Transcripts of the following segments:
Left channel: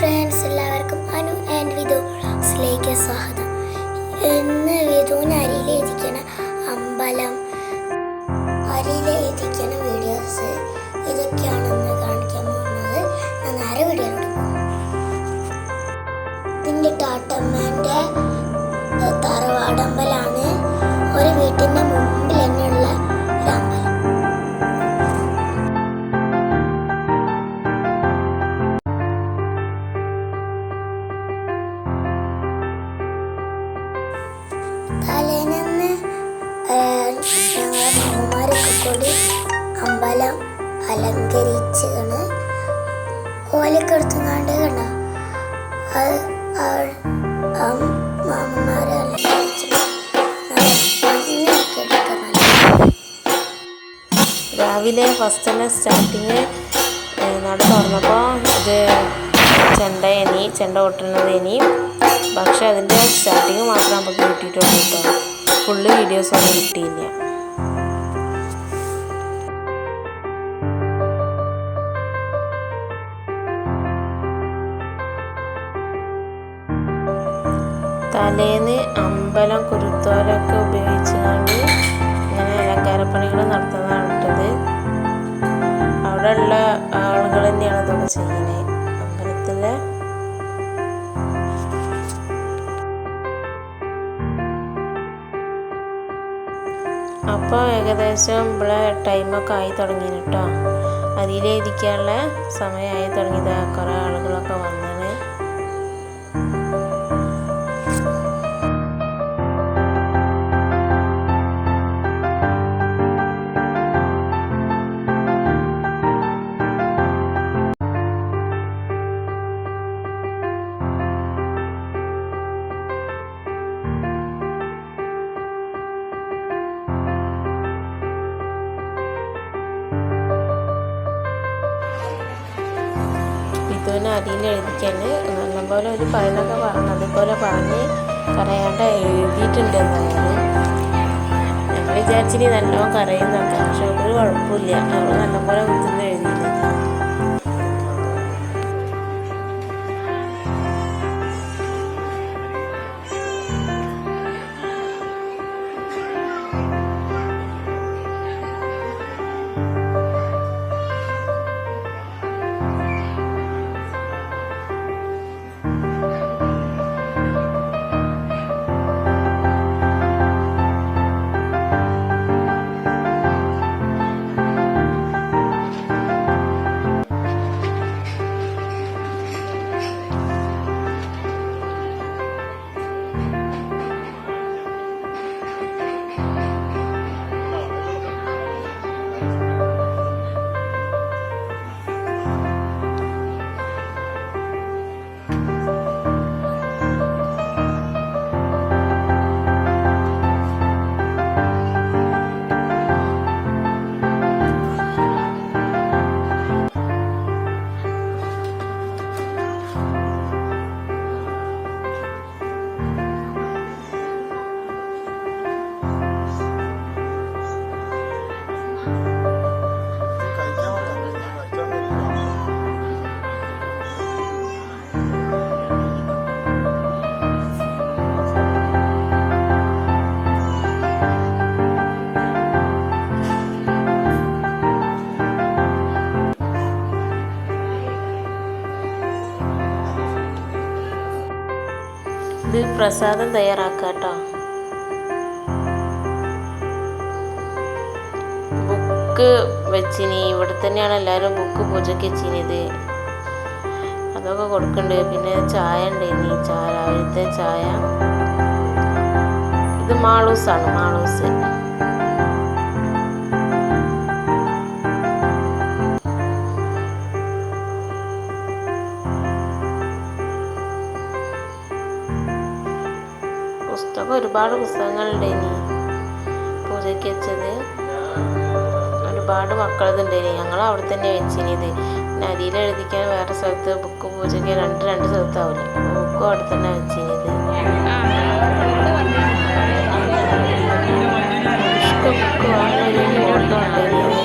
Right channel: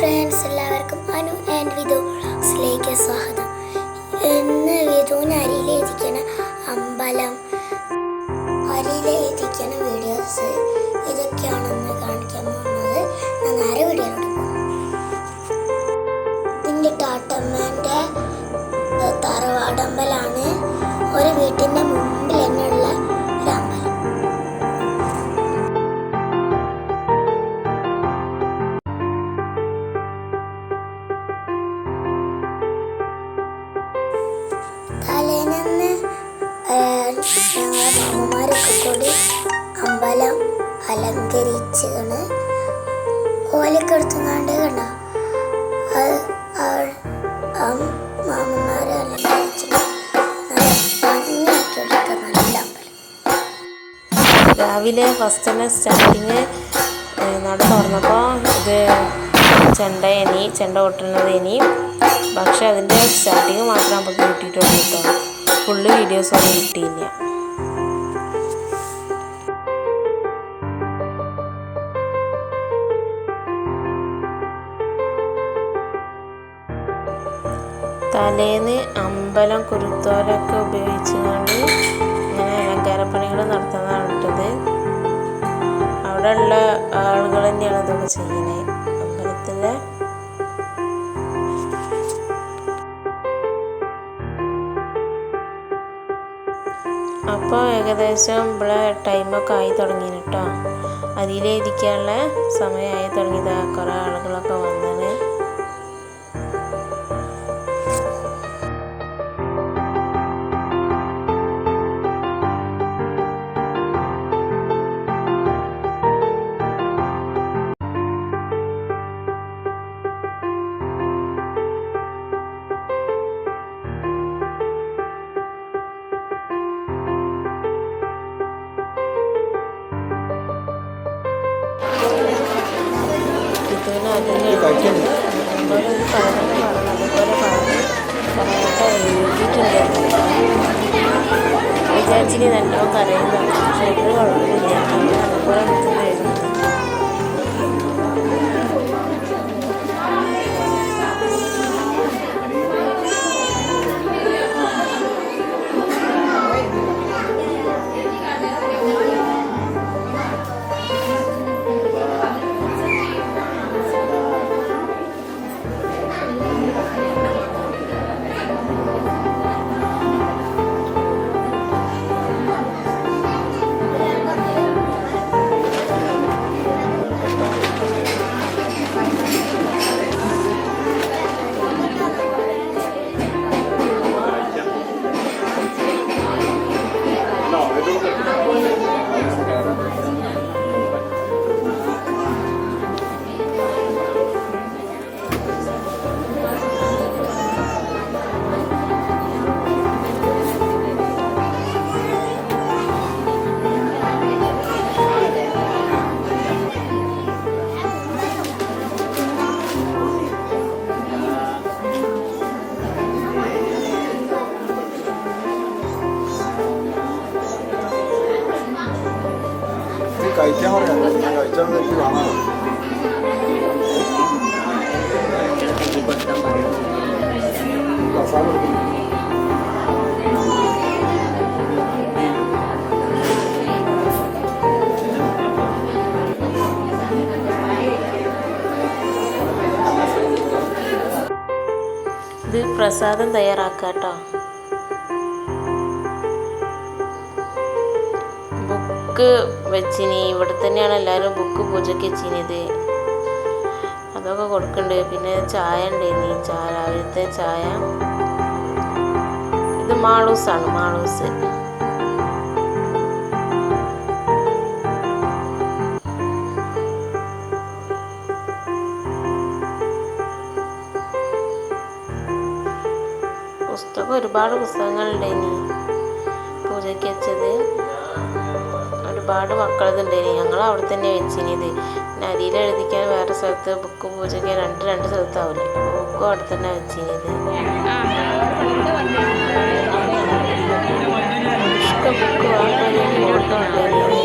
Friends, എല്ലാവർക്കും Anu and Vidhu വ്ളോഗ്സിലേക്ക് സ്വാഗതം. ഇന്ന് വിധുവിന് അരിയിലെത്തിക്കണ അമ്പലം, അരിയിലെത്തിക്കണ വീഡിയോസ് ഇതൊക്കെയാണെന്ന് കാണിക്കാൻ പോകുന്നത്. ഞാൻ നേരെ വീഡിയോയിലോട്ട് പോകും. ഇതിൻ്റെ ടാട്ടമ്മേൻ്റെ തറവാടമ്പലാണ്. ഒരു വീട്ടിൻ്റെ മുമ്പിൽ തന്നെയുള്ള ഒരു അമ്പലം. തലേന്ന് ഞങ്ങളെ മാമന്മാരൊക്കെ കൂടി അമ്പലം അലങ്കരിച്ചാണ്. ഓലൊക്കെ എടുത്തുകൊണ്ട് കണ്ട മാമന്മാരെ അലങ്കരിച്ചിട്ട് ഭംഗിയാക്കി എടുക്കുന്നുണ്ട്. രാവിലെ ഫസ്റ്റ് തന്നെ സ്റ്റാർട്ടിങ് നട തുറന്നപ്പോൾ ഇത് ചെണ്ട കൊട്ടുന്നതേനി. പക്ഷെ അതിൻ്റെ സ്റ്റാർട്ടിങ് മാത്രം നമുക്ക് കിട്ടിയിട്ടുള്ളൂ കേട്ടോ. ഫുള്ള് വീഡിയോസൊന്നും കിട്ടിയില്ല. തലേന്ന് അമ്പലം കുരുത്തോലൊക്കെ ഉപയോഗിച്ചുകൊണ്ട് ഇങ്ങനെ അലങ്കാരപ്പണികൾ നടത്തുന്നതാണ് ഇട്ടത്. അവിടെ ഉള്ള ആളുകൾ തന്നെയാണ് ഇതൊക്കെ ചെയ്യുന്നത് അമ്പലത്തിലെ. അപ്പോൾ ഏകദേശം ഇവിടെ ടൈമൊക്കെ ആയി തുടങ്ങി കേട്ടോ. അതിലെത്തിക്കാനുള്ള സമയമായി തുടങ്ങിയത്. കുറേ ആളുകളൊക്കെ വന്നത്. വിധുവിന് അരിയിൽ എഴുതിയിട്ടുണ്ട്. നല്ലപോലെ ഒരു പതിനൊക്കെ പറഞ്ഞു, അതുപോലെ പറഞ്ഞ് കരയാണ്ട് എഴുതിയിട്ടുണ്ട് എന്നാണ്. ഞങ്ങൾ വിചാരിച്ചിനി നല്ലോണം കരയുന്നതാണ്. പക്ഷെ ഒരു കുഴപ്പമില്ല. നമ്മൾ നല്ലപോലെ വിധുന്ന് എഴുതിയിട്ടുണ്ട്. ഇത് പ്രസാദം തയ്യാറാക്കാം കേട്ടോ. ബുക്ക് വെച്ചിനി. ഇവിടെ തന്നെയാണ് എല്ലാവരും ബുക്ക് പൂജയ്ക്ക് വെച്ചിനിത്. അതൊക്കെ കൊടുക്കുന്നുണ്ട്. പിന്നെ ചായ ഉണ്ടായിനി, രാവിലത്തെ ചായ. ഇത് മാളൂസാണ്, മാളൂസ്. പുസ്തകം ഒരുപാട് പുസ്തകങ്ങളുണ്ടായിനി പൂജയ്ക്ക് വെച്ചത്. ഒരുപാട് മക്കളതുണ്ടായിനി. ഞങ്ങൾ അവിടെ തന്നെ വെച്ചിനിത്. പിന്നെ അരിയിൽ എഴുതിക്കാൻ വേറെ സ്ഥലത്ത്, ബുക്ക് പൂജയ്ക്ക് രണ്ട് സ്ഥലത്താവില്ലേ. അപ്പോൾ ബുക്കും അവിടെ തന്നെ വെച്ചിനിത്. ബുക്ക് വാങ്ങി ഫോട്ടോ ഉണ്ടായിനി.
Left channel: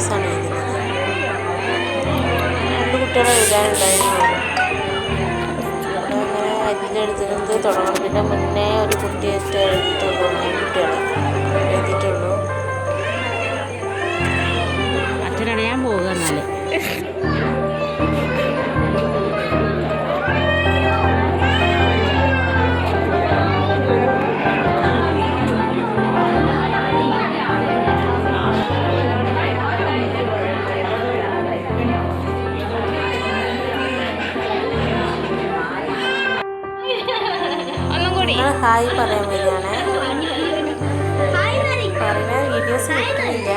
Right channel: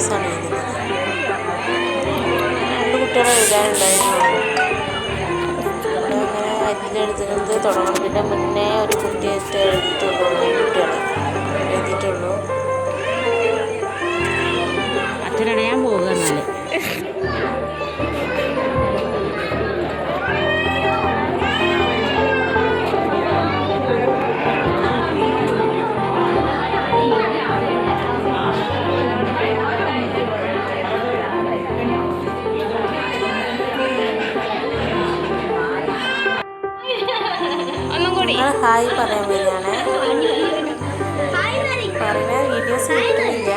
വീഡിയോസാണ് എഴുതുന്നത്. 2 കുട്ടികളെ എഴുതാനുണ്ടായിരുന്നു. ഇവിടെ അങ്ങനെ അരിയിലെഴുതുന്നത് തുടങ്ങുന്നതിൻ്റെ മുന്നേ ഒരു കുട്ടിയായിട്ട് എഴുതിയിട്ടുള്ളൂ, 3 കുട്ടികളെ എഴുതിയിട്ടുള്ളൂ. അച്ഛനടയാൻ പോവുക എന്നാല് നിങ്ങൾ ഹായ് പറയാൻ വരികയാണ്. പറയുന്ന വീഡിയോസ് കിട്ടുന്നില്ല.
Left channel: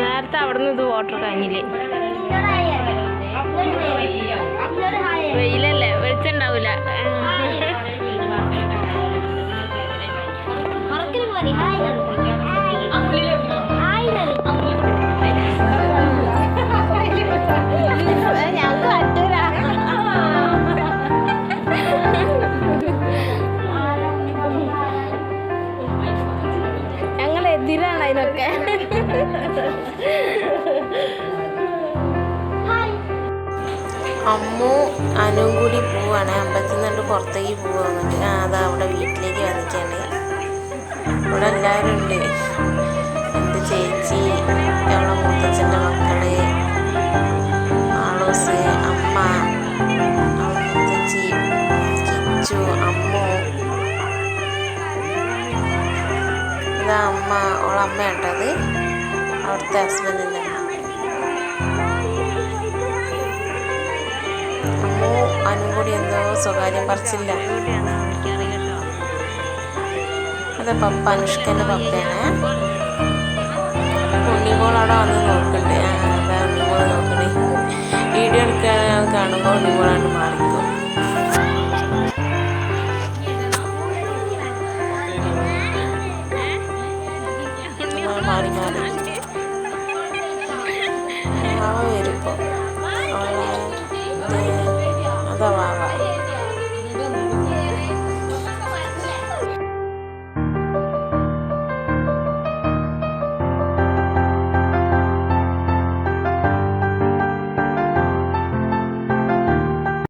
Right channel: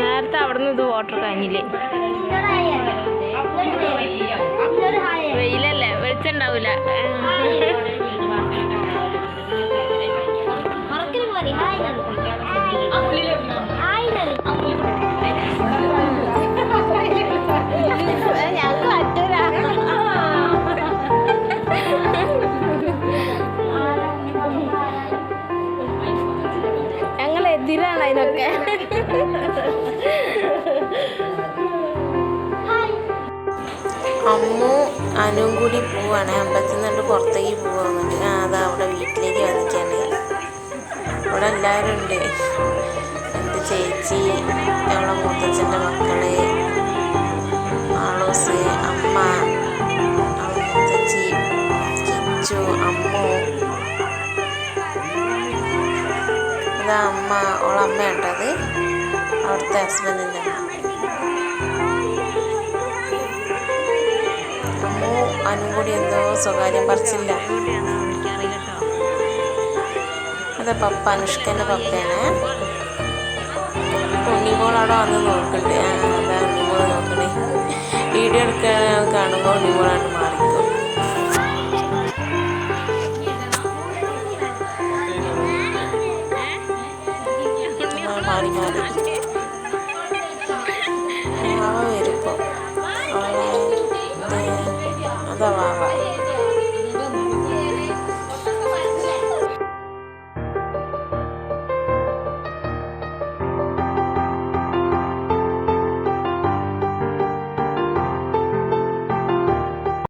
നേരത്തെ അവിടെ നിന്ന് ഇത് വാട്ടർ കഴിഞ്ഞില്ലേ? വെയിലല്ലേ, വെളിച്ചുണ്ടാവൂല. ഞങ്ങക്ക് പറ്റൂല. ഞങ്ങൾ എതിരാണ് അതിനൊക്കെ. അമ്മു അനുവും കൂടി പോവാണ്, അമ്പലത്തിൽ നിന്ന് പുറത്തേക്ക് പോവാൻ. അതാ അവിടെ വീട്ടിലേക്ക് വന്നിക്കാണ്. ഇവിടെ എല്ലാവരും ഉണ്ട്. എൻ്റെ ചേച്ചി, അവളെ മുത്തച്ഛൻ്റെ മക്കള്, ആളൂസ്, അമ്മ, മുത്തച്ചി, കിച്ചു, അമ്മു. ഇതാ അമ്മ, ഓളമ്മ കേട്ടത് അവിടുത്തെ ഹസ്ബൻഡിൻ്റെ അമ്മ. അമ്മു അനുവും കൂടി എന്തോ സ്വകാര്യം പറിച്ചില്ല. അതെ പപ്പ, അനുഷ്കൻ്റെ പപ്പയാണ്. ഉണ്ണിമോൾ അവിടെ വന്ന് നോക്കുന്നുണ്ട്. അതാ ഉണ്ണിമോൾ നോക്കണേ. വീഡിയോ എടുക്കാൻ കാണുമ്പോൾ ഉണ്ണിമോളാണ്ട് മാറിക്കും. മാറി മാറി വരുമ്പോൾ